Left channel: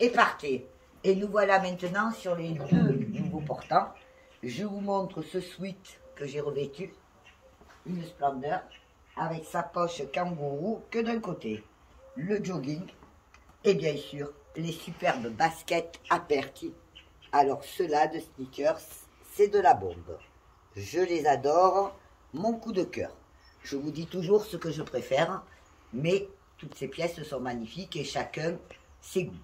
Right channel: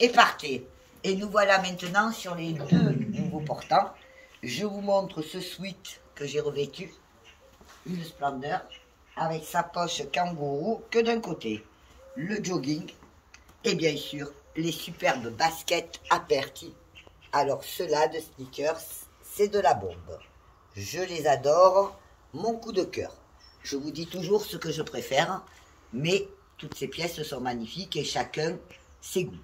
est parti. Et nous voilà maintenant sur les deux nouveaux portants. Je vous montre ce sweat que j'ai revêtu. Une splendeur. Avec sa poche kangourou que d'un côté. Le jogging. Et bien sûr, les superbes baskets Aperti. Alors ceux-là de sneakers, c'est de la bombe. Je les adore. Mon coup de cœur. Je vous dis toujours ce que je préfère. Mais toutes ces pièces sont magnifiques et chacun ses goûts.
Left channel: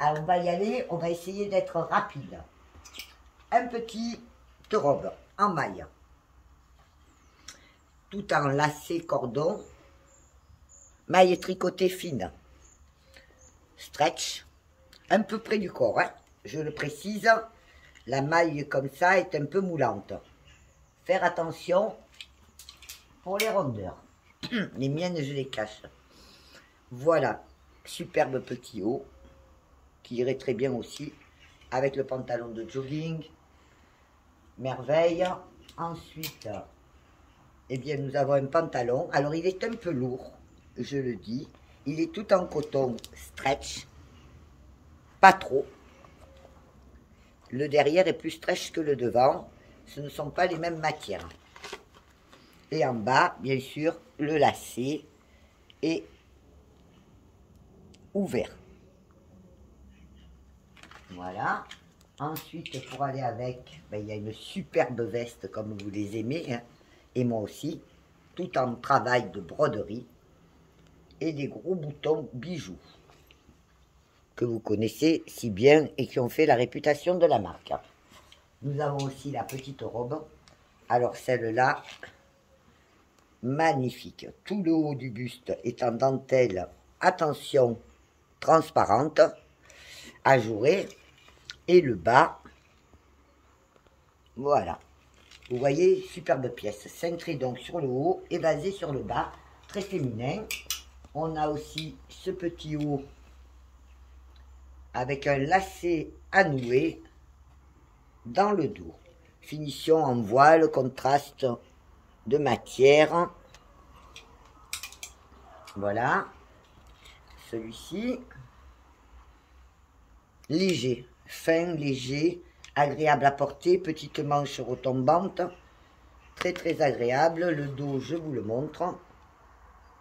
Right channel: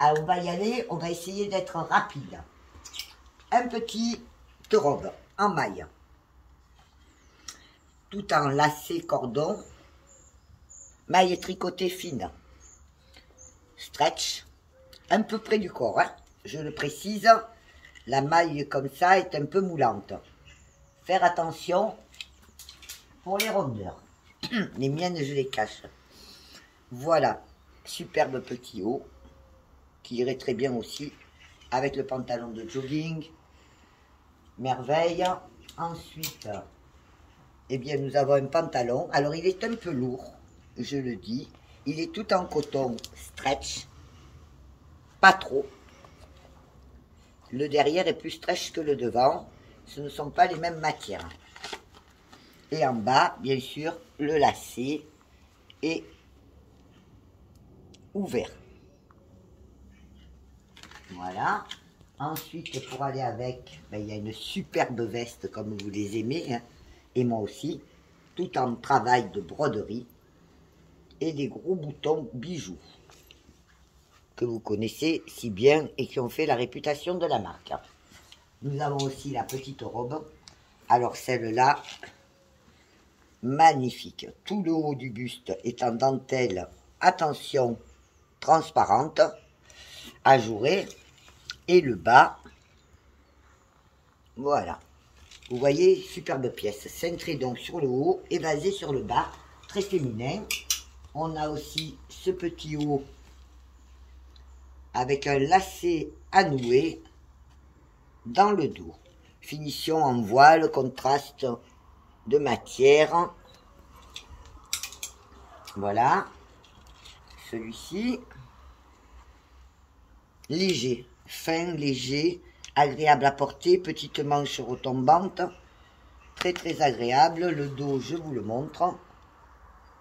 Alors on va y aller, on va essayer d'être rapide. Un petit robe en maille, tout en lacet cordon, maille tricotée fine, stretch, un peu près du corps, hein, je le précise, la maille comme ça est un peu moulante. Faire attention pour les rondeurs, les miennes je les cache. Voilà, superbe petit haut, qui irait très bien aussi avec le pantalon de jogging. Merveille. Ensuite, eh bien, nous avons un pantalon. Alors, il est un peu lourd, je le dis. Il est tout en coton stretch. Pas trop. Le derrière est plus stretch que le devant. Ce ne sont pas les mêmes matières. Et en bas, bien sûr, le lacet est ouvert. Voilà. Ensuite, pour aller avec, ben, il y a une superbe veste comme vous les aimez, hein, et moi aussi, tout en travail de broderie et des gros boutons bijoux que vous connaissez si bien et qui ont fait la réputation de la marque. Nous avons aussi la petite robe. Alors celle-là, magnifique. Tout le haut du buste est en dentelle, attention, transparente, ajourée. Et le bas, voilà. Vous voyez, superbe pièce. Cintrée donc sur le haut et basée sur le bas. Très féminin. On a aussi ce petit haut avec un lacet à nouer dans le dos. Finition en voile, contraste de matière. Voilà. Celui-ci, léger. Fin, léger, agréable à porter, petite manche retombante, très très agréable. Le dos, je vous le montre.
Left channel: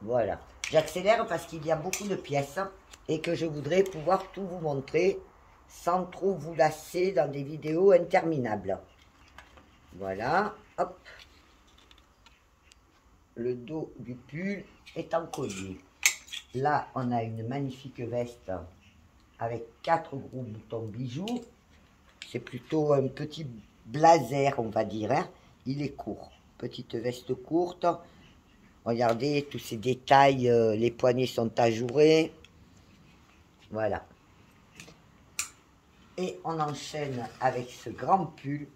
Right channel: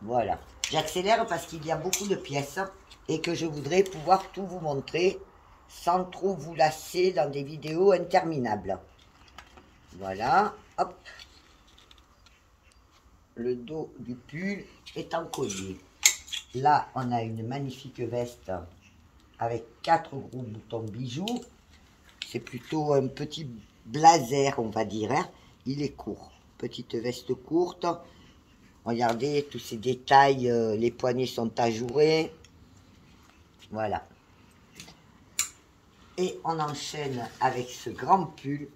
Voilà. J'accélère parce qu'il y a beaucoup de pièces et que je voudrais pouvoir tout vous montrer sans trop vous lasser dans des vidéos interminables. Voilà. Hop. Le dos du pull est en collier. Là, on a une magnifique veste avec 4 gros boutons bijoux. C'est plutôt un petit blazer, on va dire. Hein. Il est court. Petite veste courte. Regardez tous ces détails. Les poignets sont ajourés. Voilà. Et on enchaîne avec ce grand pull.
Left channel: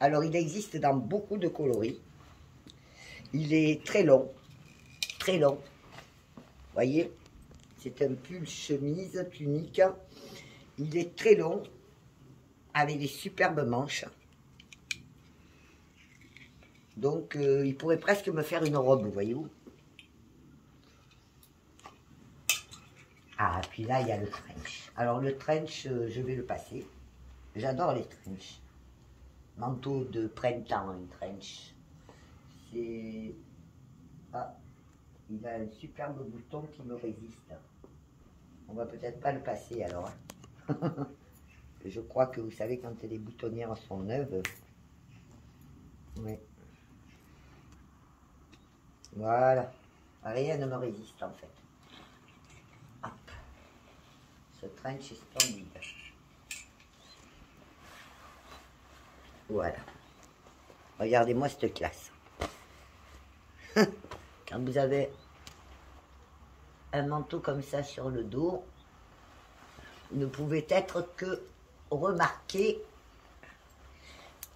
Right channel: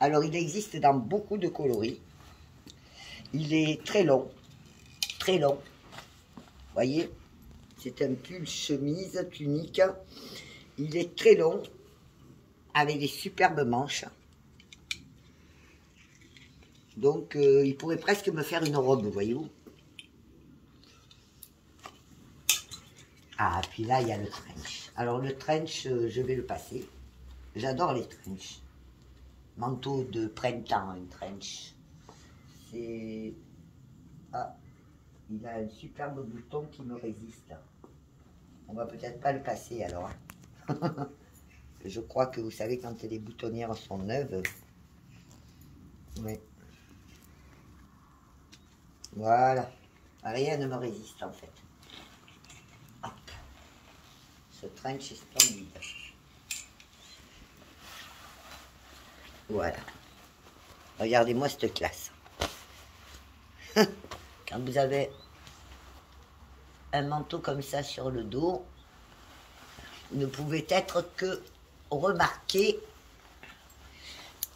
Alors, il existe dans beaucoup de coloris. Il est très long. Très long. Vous voyez ? C'est un pull chemise, tunique. Il est très long, avec des superbes manches. Donc, il pourrait presque me faire une robe, voyez-vous. Ah, puis là, il y a le trench. Alors, le trench, je vais le passer. J'adore les trench. Manteau de printemps, un trench. C'est... Ah, il a un superbe bouton qui me résiste. On va peut-être pas le passer alors. Hein. Je crois que vous savez quand les boutonnières sont neuves. Oui. Voilà. Rien ne me résiste en fait. Hop. Ce trench est splendide. Voilà. Regardez-moi cette classe. Quand vous avez un manteau comme ça sur le dos, ne pouvait être que remarqué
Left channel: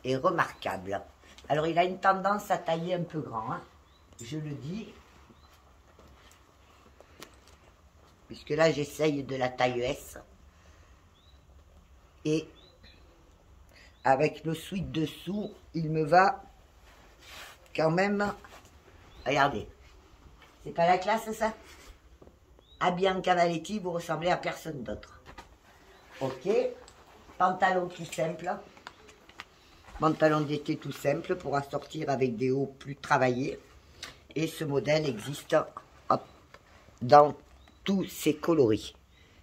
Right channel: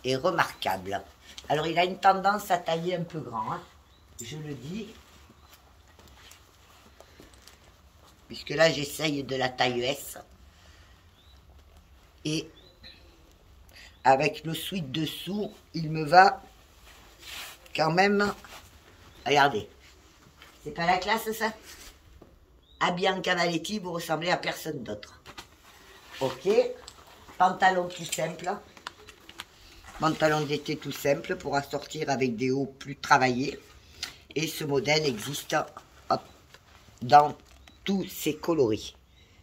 et remarquable. Alors il a une tendance à tailler un peu grand, hein, je le dis, puisque là j'essaye de la taille S, et avec le sweat dessous, il me va quand même, regardez, c'est pas la classe ça? À Bianca Cavaletti, vous ressemblez à personne d'autre. Ok. Pantalon tout simple. Pantalon d'été tout simple pour assortir avec des hauts plus travaillés. Et ce modèle existe dans tous ses coloris.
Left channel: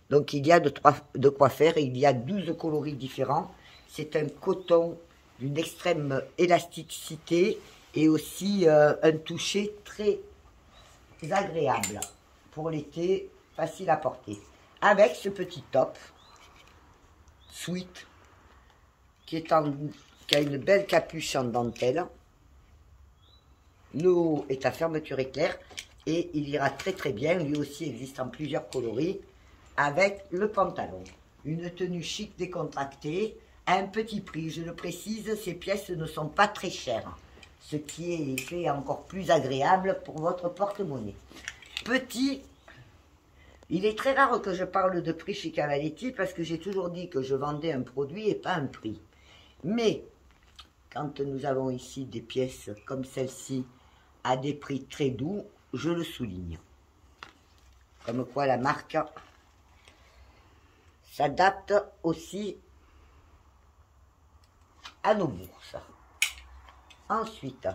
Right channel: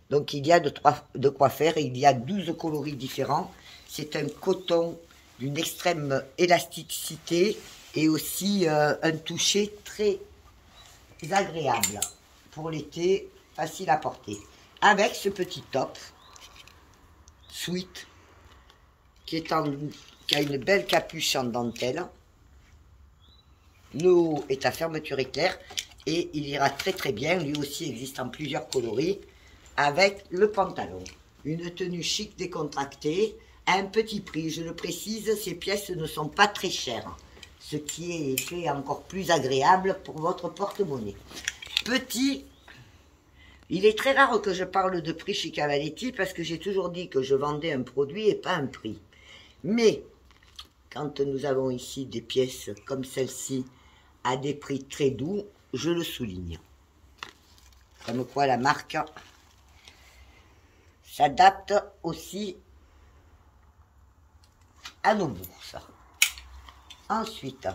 Donc il y a de quoi faire. Il y a 12 coloris différents. C'est un coton d'une extrême élasticité et aussi un toucher très agréable pour l'été, facile à porter. Avec ce petit top sweat qui a une belle capuche en dentelle. Le haut est à fermeture éclair et il ira très très bien. Lui aussi existe en plusieurs coloris avec le pantalon. Une tenue chic décontractée à un petit prix. Je le précise, ces pièces ne sont pas très chères. Ce qui est fait encore plus agréable pour votre porte-monnaie. Petit, il est très rare que je parle de prix chez Cavaletti parce que j'ai toujours dit que je vendais un produit et pas un prix. Mais quand nous avons ici des pièces comme celle-ci à des prix très doux, je le souligne. Comme quoi la marque s'adapte aussi à nos bourses. Ensuite,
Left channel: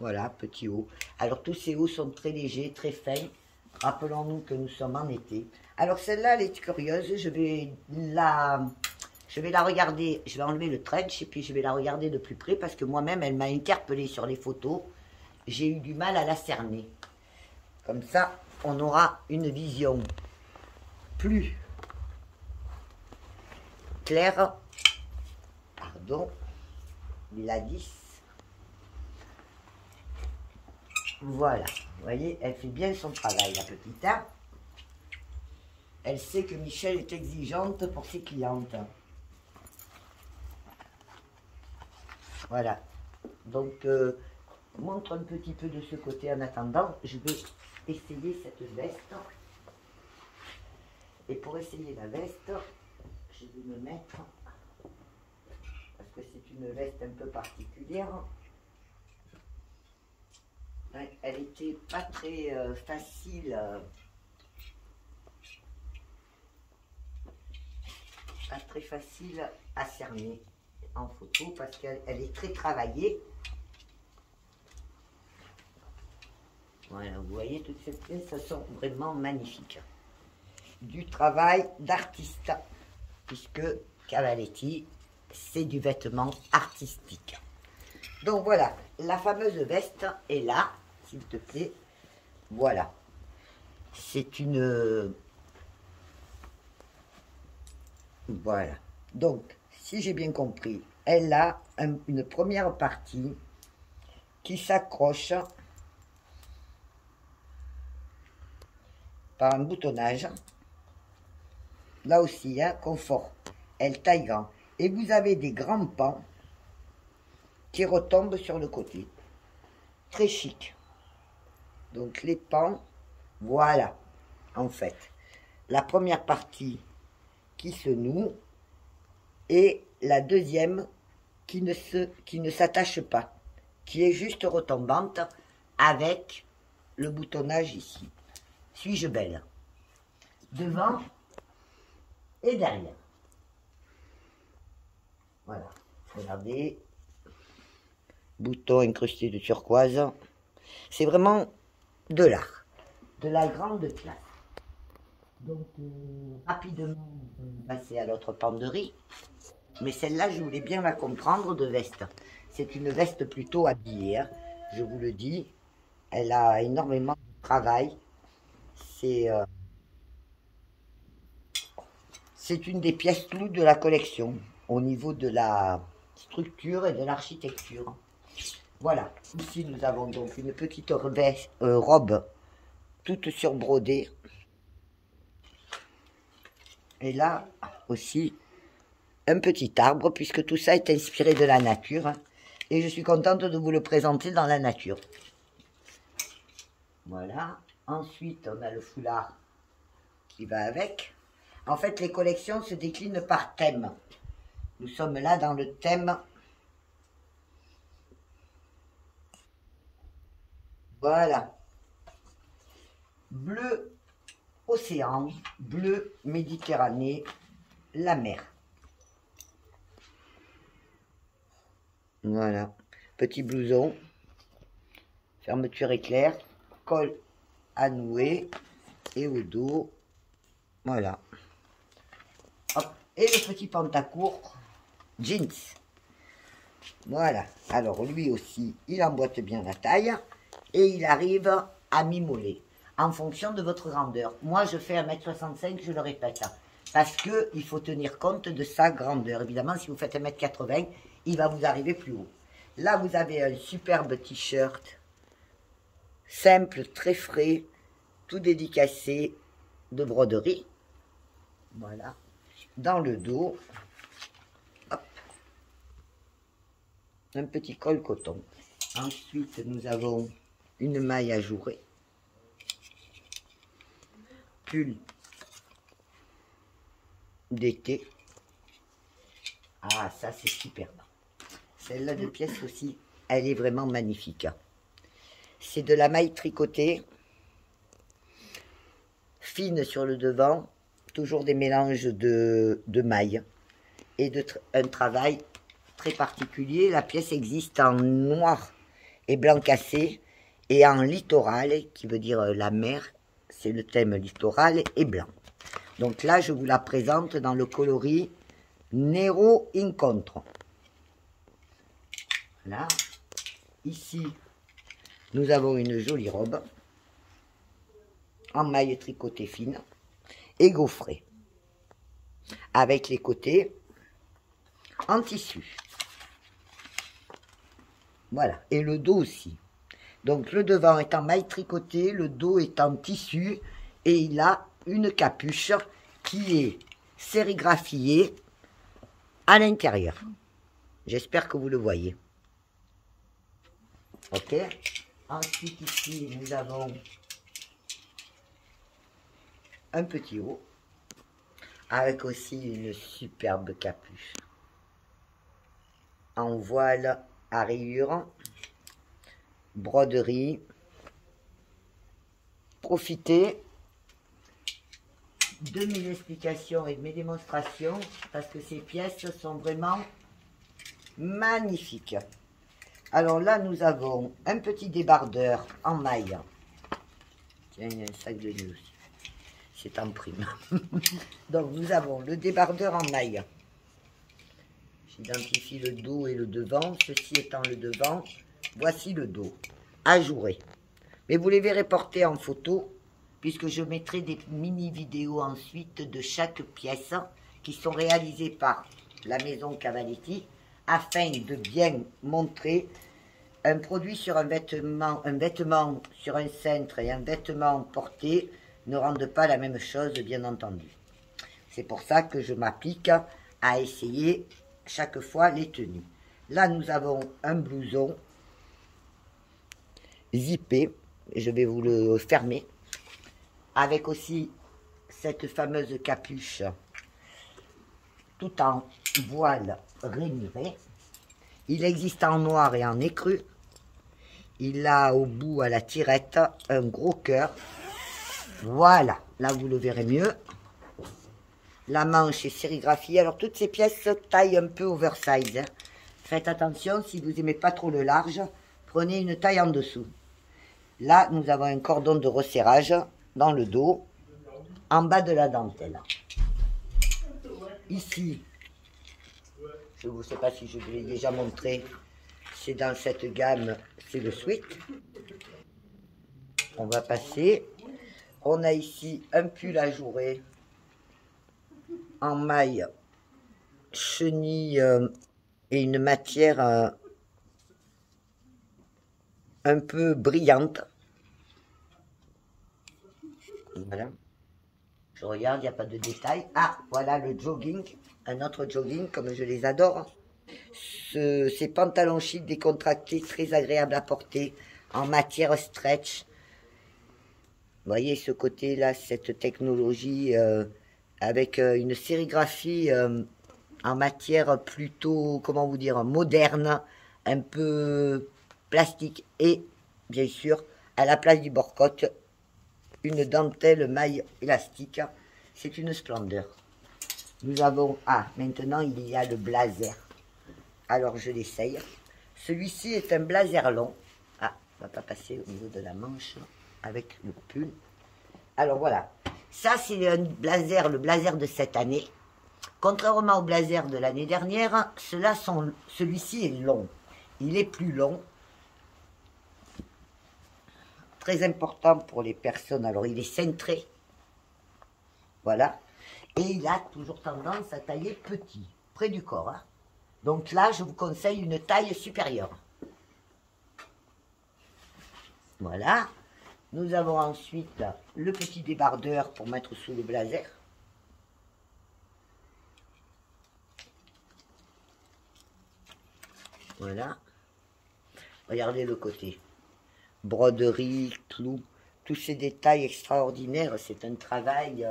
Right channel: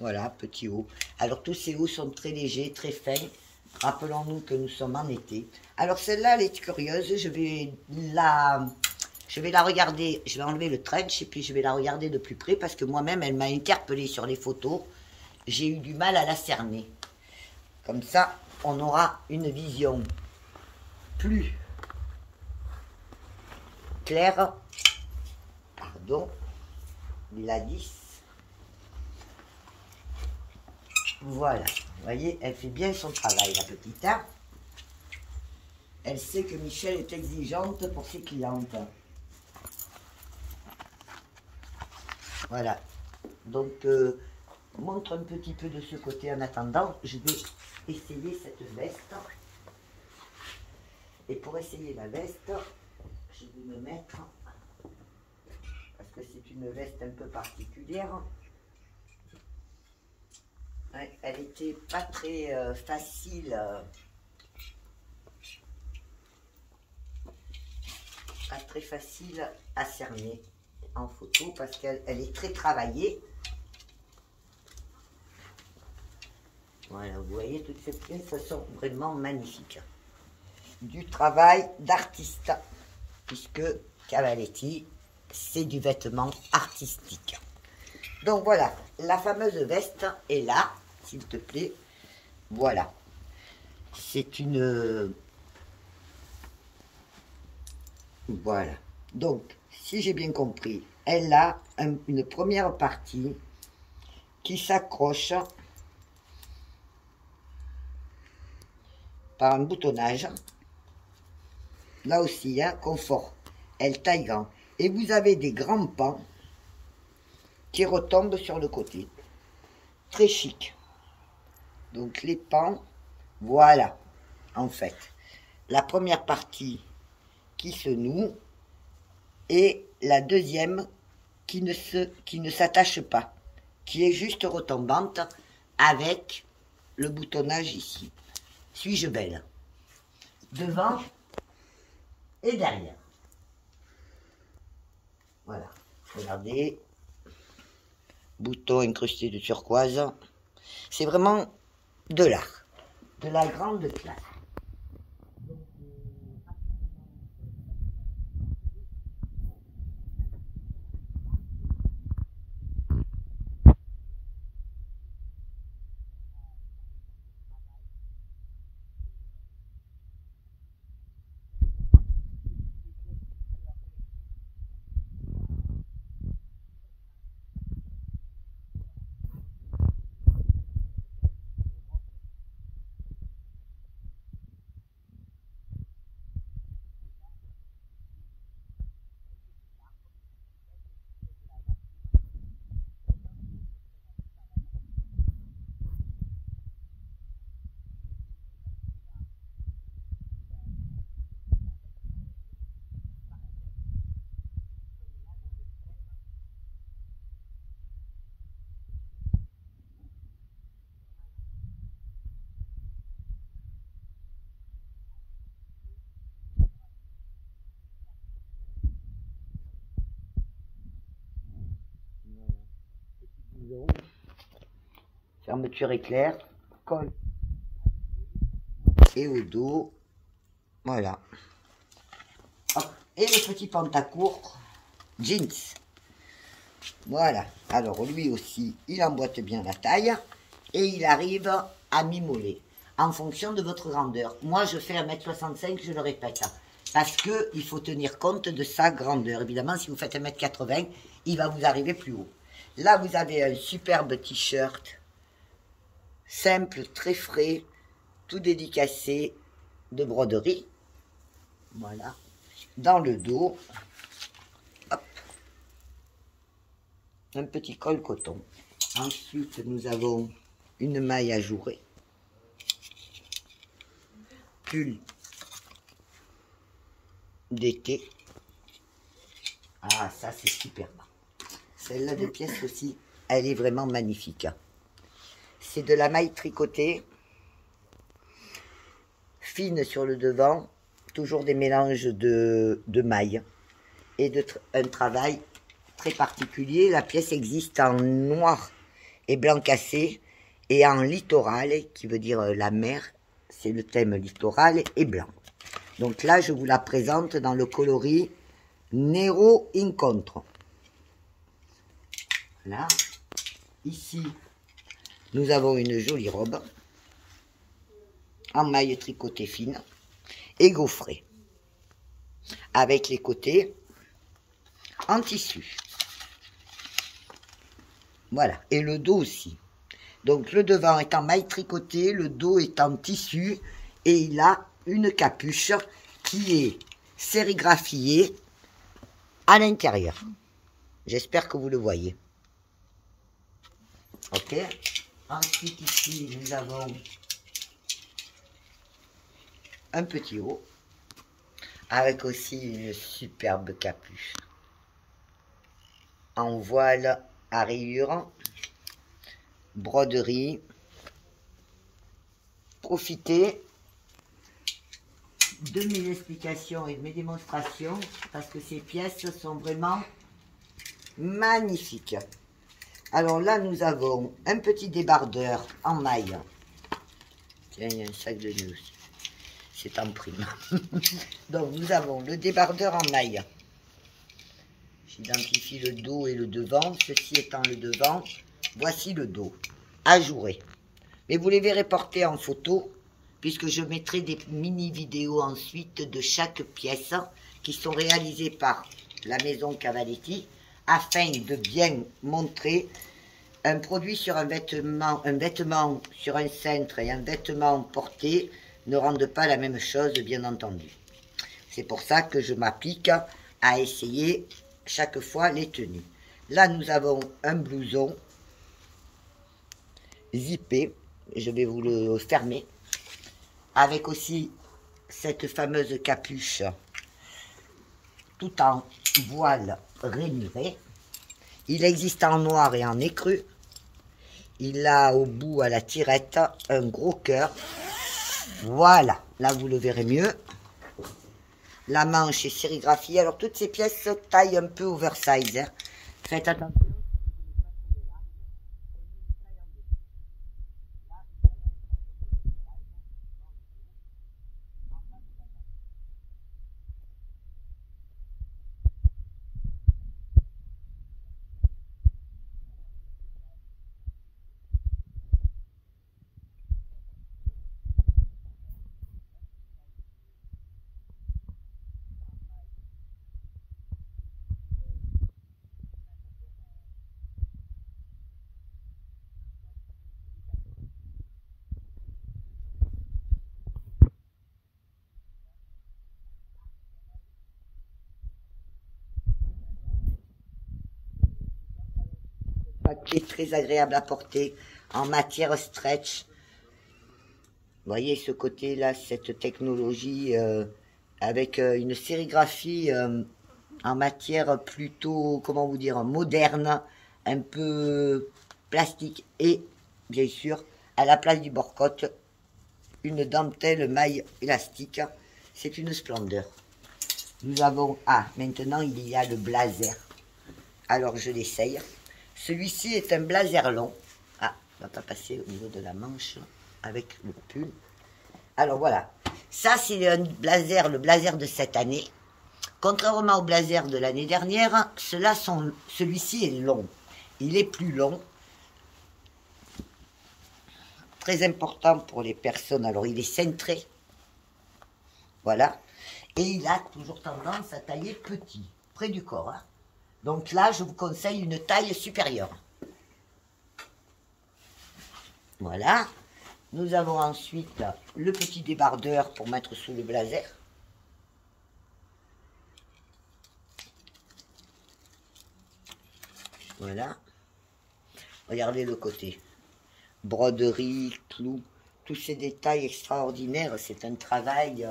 voilà, petit haut. Alors tous ces hauts sont très légers, très fins. Rappelons-nous que nous sommes en été. Alors celle-là, elle est curieuse. Je vais la regarder. Je vais enlever le trench et puis je vais la regarder de plus près parce que moi-même, elle m'a interpellée sur les photos. J'ai eu du mal à la cerner. Comme ça, on aura une vision plus claire. Pardon, la 10. Voilà, vous voyez, elle fait bien son travail, la petite. Hein, elle sait que Michel est exigeante pour ses clientes. Voilà, donc montre un petit peu de ce côté en attendant. Je vais essayer cette veste. Et pour essayer la veste, je vais me mettre, parce que c'est une veste un peu particulière. Elle était pas très facile, à cerner en photo parce qu'elle est très travaillée. Voilà, vous voyez, toutes ces pièces sont vraiment magnifiques. Du travail d'artiste, puisque Cavaletti, c'est du vêtement artistique. Donc voilà, la fameuse veste est là, s'il te plaît. Voilà. C'est une... Voilà. Donc, si j'ai bien compris, elle a une première partie qui s'accroche par un boutonnage. Là aussi, hein, confort. Elle taille grand. Et vous avez des grands pans qui retombent sur le côté. Très chic. Donc les pans, voilà, en fait. La première partie qui se noue et la deuxième qui ne s'attache pas, qui est juste retombante avec le boutonnage ici. Suis-je belle? Devant et derrière. Voilà, regardez. Bouton incrusté de turquoise. C'est vraiment de l'art. De la grande classe. Donc, rapidement, on va passer à l'autre penderie. Mais celle-là, je voulais bien la comprendre de veste. C'est une veste plutôt habillée, hein, je vous le dis. Elle a énormément de travail. C'est une des pièces clous de la collection au niveau de la structure et de l'architecture. Voilà, ici nous avons donc une petite robe toute surbrodée. Et là aussi un petit arbre puisque tout ça est inspiré de la nature. Et je suis contente de vous le présenter dans la nature. Voilà, ensuite on a le foulard qui va avec. En fait, les collections se déclinent par thème. Nous sommes là dans le thème. Voilà. Bleu océan, bleu, Méditerranée, la mer. Voilà, petit blouson, fermeture éclair, col à nouer et au dos, voilà. Hop. Et le petit pantacourt jeans. Voilà, alors lui aussi, il emboîte bien la taille et il arrive à mi-mollet en fonction de votre grandeur. Moi, je fais 1m65, je le répète, parce qu'il faut tenir compte de sa grandeur. Évidemment, si vous faites 1m80, il va vous arriver plus haut. Là, vous avez un superbe t-shirt, simple, très frais, tout dédicacé de broderie. Voilà. Dans le dos, hop, un petit col coton. Ensuite, nous avons une maille ajourée. Pull d'été. Ah, ça, c'est superbe. Celle-là de pièce aussi, elle est vraiment magnifique. C'est de la maille tricotée, fine sur le devant, toujours des mélanges de mailles et un travail très particulier. La pièce existe en noir et blanc cassé et en littoral, qui veut dire la mer, c'est le thème littoral, et blanc. Donc là, je vous la présente dans le coloris Nero Incontro. Voilà. Ici, nous avons une jolie robe en maille tricotée fine et gaufrée, avec les côtés en tissu. Voilà, et le dos aussi. Donc le devant est en maille tricotée, le dos est en tissu, et il a une capuche qui est sérigraphiée à l'intérieur. J'espère que vous le voyez. Ok. Ensuite ici, nous avons un petit haut, avec aussi une superbe capuche en voile à rayures, broderie. Profitez de mes explications et de mes démonstrations parce que ces pièces sont vraiment magnifiques. Alors là, nous avons un petit débardeur en maille. Tiens, il y a un sac de nœuds aussi. C'est en prime. Donc, nous avons le débardeur en maille. J'identifie le dos et le devant. Ceci étant le devant, voici le dos, ajouré. Mais vous les verrez porter en photo, puisque je mettrai des mini-vidéos ensuite de chaque pièce qui sont réalisées par la maison Cavaletti, afin de bien montrer un produit sur un vêtement sur un cintre et un vêtement porté ne rendent pas la même chose, bien entendu. C'est pour ça que je m'applique à essayer chaque fois les tenues. Là, nous avons un blouson zippé, je vais vous le fermer, avec aussi cette fameuse capuche tout en voile rainuré. Il existe en noir et en écru. Il a au bout, à la tirette, un gros cœur. Voilà, là vous le verrez mieux. La manche est sérigraphiée. Alors toutes ces pièces taillent un peu oversize. Hein. Faites attention, si vous n'aimez pas trop le large, prenez une taille en dessous. Là, nous avons un cordon de resserrage dans le dos, en bas de la dentelle. Ici, je ne sais pas si je vous l'ai déjà montré, c'est dans cette gamme, c'est le sweat. On va passer. On a ici un pull ajouré en maille chenille et une matière un peu brillante. Voilà. Je regarde, il n'y a pas de détails. Ah, voilà le jogging, un autre jogging comme je les adore. Ces pantalons chic décontractés, très agréables à porter, en matière stretch. Vous voyez ce côté-là, cette technologie avec une sérigraphie en matière plutôt, comment vous dire, moderne, un peu plastique. Et, bien sûr, à la place du bord-côte, une dentelle maille élastique. C'est une splendeur. Nous avons... Ah, maintenant il y a le blazer. Alors je l'essaye. Celui-ci est un blazer long. Ah, on va pas passer au niveau de la manche avec le pull. Alors voilà. Ça c'est un blazer, le blazer de cette année. Contrairement au blazer de l'année dernière, celui-ci est long. Il est plus long. Très important pour les personnes. Alors il est cintré. Voilà. Et il a toujours tendance à tailler petit, près du corps. Hein. Donc là, je vous conseille une taille supérieure. Voilà. Nous avons ensuite le petit débardeur pour mettre sous le blazer. Voilà. Regardez le côté. Broderie, clous, tous ces détails extraordinaires. C'est un travail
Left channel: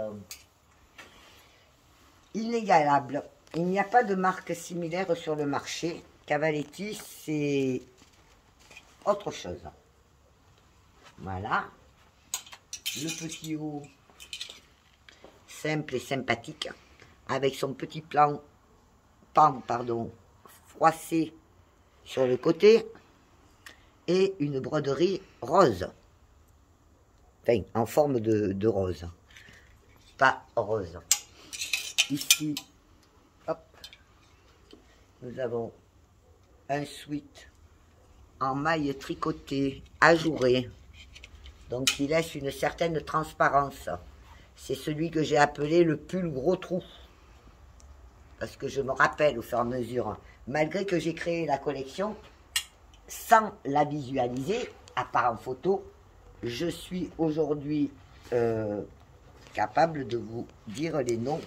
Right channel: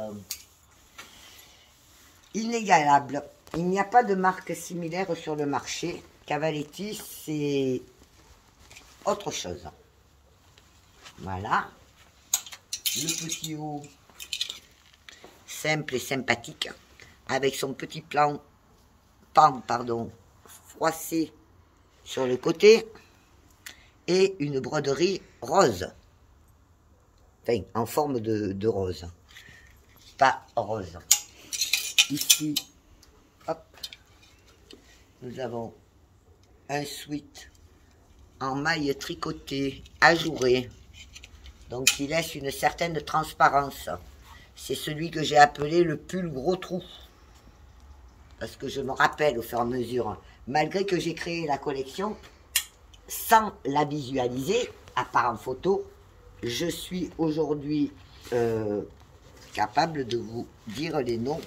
inégalable. Il n'y a pas de marque similaire sur le marché. Cavaletti, c'est autre chose. Voilà. Le petit haut simple et sympathique avec son petit pan froissé sur le côté et une broderie rose. Enfin, en forme de rose. Pas rose. Ici, hop, nous avons un sweat en maille tricotée, ajourée. Donc, il laisse une certaine transparence. C'est celui que j'ai appelé le pull gros trou. Parce que je me rappelle au fur et à mesure, malgré que j'ai créé la collection, sans la visualiser, à part en photo, je suis aujourd'hui capable de vous dire les noms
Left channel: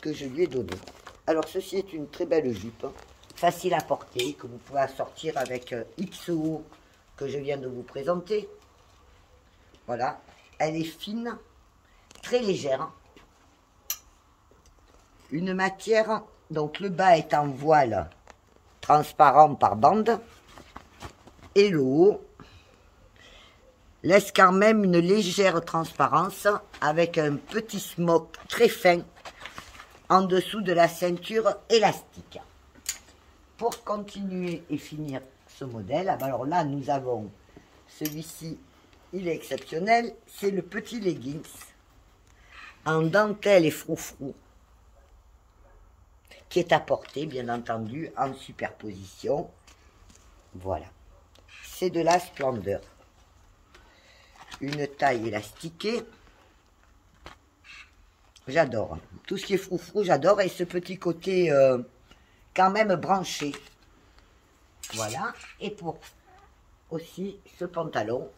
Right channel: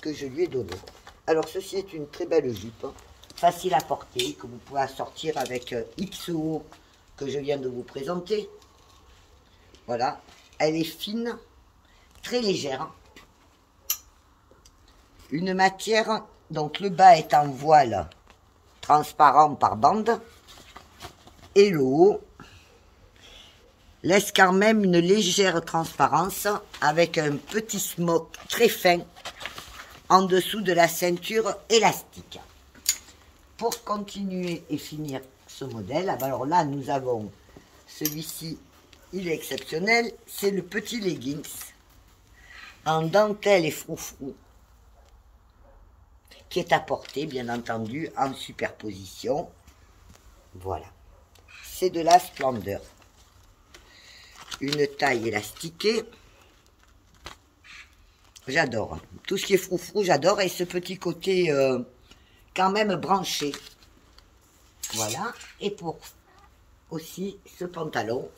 que je lui ai donnés. Alors, ceci est une très belle jupe, facile à porter, que vous pouvez assortir avec XO que je viens de vous présenter. Voilà, elle est fine, très légère. Une matière, donc le bas est en voile transparent par bande. Et le haut laisse quand même une légère transparence avec un petit smock très fin en dessous de la ceinture élastique. Pour continuer et finir ce modèle, alors là nous avons celui-ci, il est exceptionnel, c'est le petit leggings en dentelle et froufrou qui est à porter bien entendu en superposition. Voilà, c'est de la splendeur. Une taille élastiquée. J'adore. Tout ce qui est froufrou, j'adore. Et ce petit côté quand même branché. Voilà. Et pour aussi ce pantalon.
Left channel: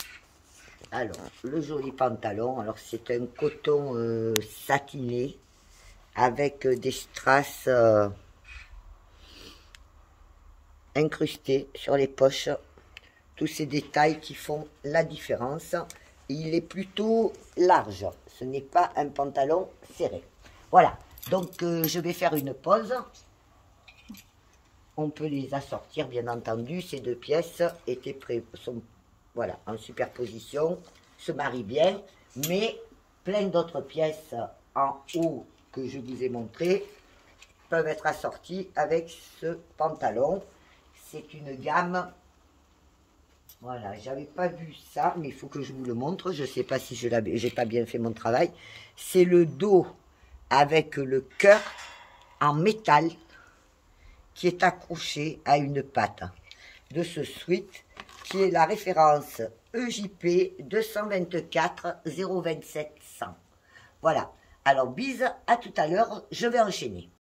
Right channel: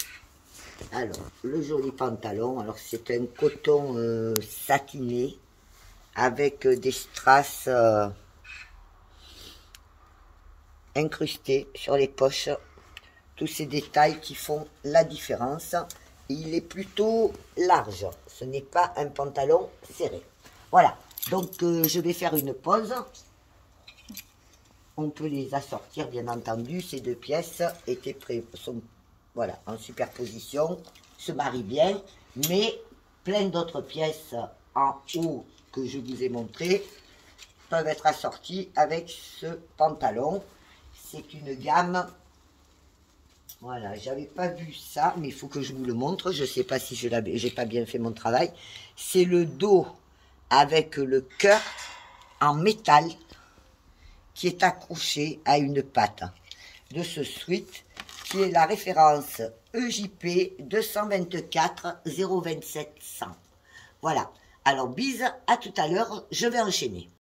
Alors, le joli pantalon. Alors, c'est un coton satiné avec des strass incrustés sur les poches. Tous ces détails qui font la différence. Il est plutôt large. Ce n'est pas un pantalon serré. Voilà. Donc, je vais faire une pause. On peut les assortir, bien entendu. Ces deux pièces sont voilà, en superposition. Se marient bien. Mais plein d'autres pièces en haut que je vous ai montré peuvent être assorties avec ce pantalon. C'est une gamme... Voilà, j'avais pas vu ça, mais il faut que je vous le montre. Je sais pas si j'ai pas bien fait mon travail. C'est le dos avec le cœur en métal qui est accroché à une patte de ce sweat qui est la référence EJP 224 027 100. Voilà. Alors, bise, à tout à l'heure, je vais enchaîner.